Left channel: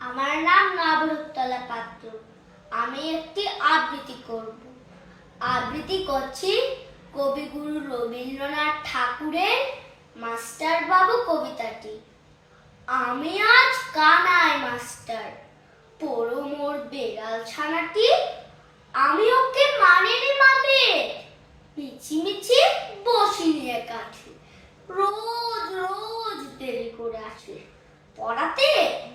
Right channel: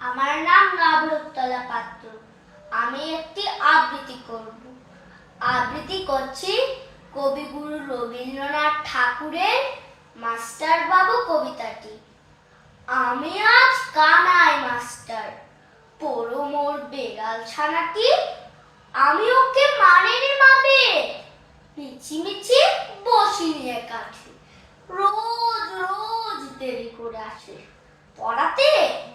আমার নাম নবরূপতলা পাত্র। আমি একটি আবৃত্তি করব। আবৃত্তি করছি কবিগুরু রবীন্দ্রনাথ ঠাকুরের মাস্টার বাবু কবিতাটি। আমি আজ কানাই মাস্টার, পড়ো মোর বেড়াল ছানাটি। আমি ওকে মানেনি মাবে, মিছিমিছি বসি নিয়ে কাছে। রোজ রোজ দেরি করে আসে, পড়াতে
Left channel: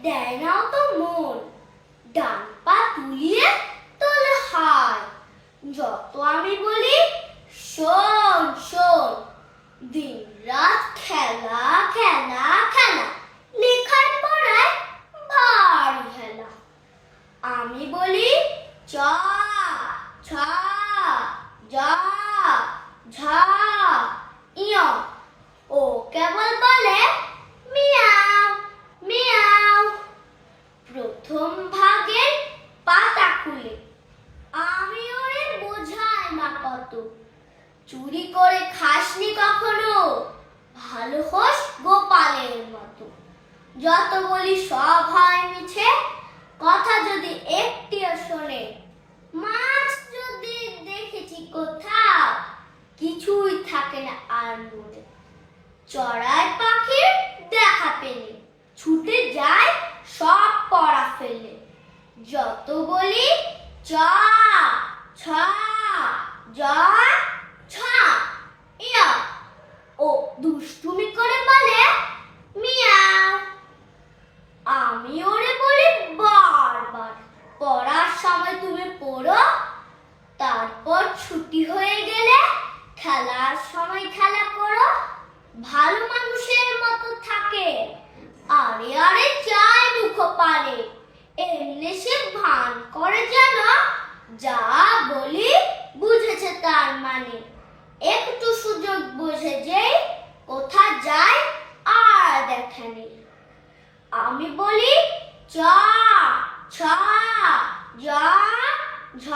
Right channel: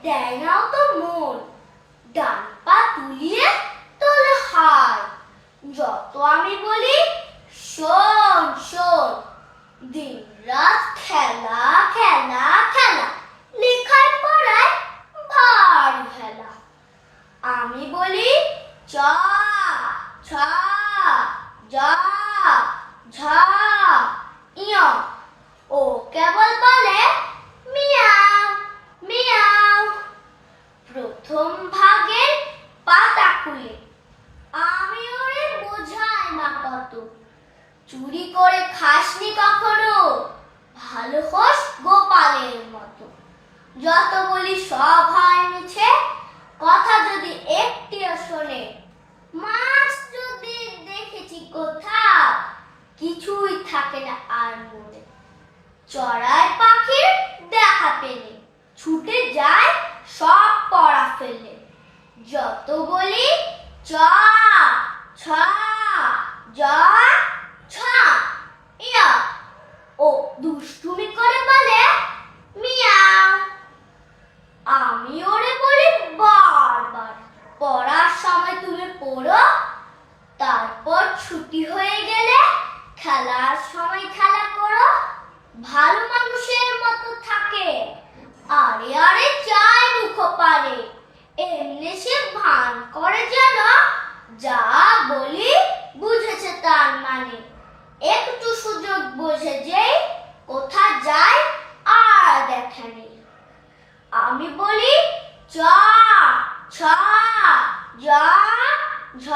দেয় নাও তো মন। ডান পা তুলিয়ে তোলে হায়, যত আমি বলি শোন শোন। দিন রাত খেলা খেলা খেলা, লেখায় পড়ায় ভারী খেলা। আমি বলি চ ছ জ ঝ ইয়, ও কেবল বলে মিয়াও মিয়াও। প্রথম ভাগের পাতা খুলে আমি ওরে বোঝাই না কত। চুরি করে খাসনি কখনো, ভালো হোস গোপালের মতো। যত বলি সব হয় মিছে, কথা যদি একটিও শোনে। মাছ যদি দেখেছি কোথাও, কিছুই থাকে না আর মনে। চড়াই পাখির দেখা পেলে ছুটে যায় সব পড়া ফেলে। যত বলি চ ছ জ ছ ইয়া, ও দুষ্টুমি করে বলে মিয়াও। আমি ওরে বলি বারবার, পড়ার সময় তুমি পড়ো, তারপর ছুটি হয়ে গেলে খেলার সময় খেলা করো। ভালো মানুষের মতো থাকে, আরে আরে চায় মুখ পারে। এমনি সে ভান করে যেন যা বলি বুঝেছে তার মানে। একটু সুযোগ বোঝে যে কোথা যায় আর দেখে নেই। আমি বলি চ ছ জ ঝ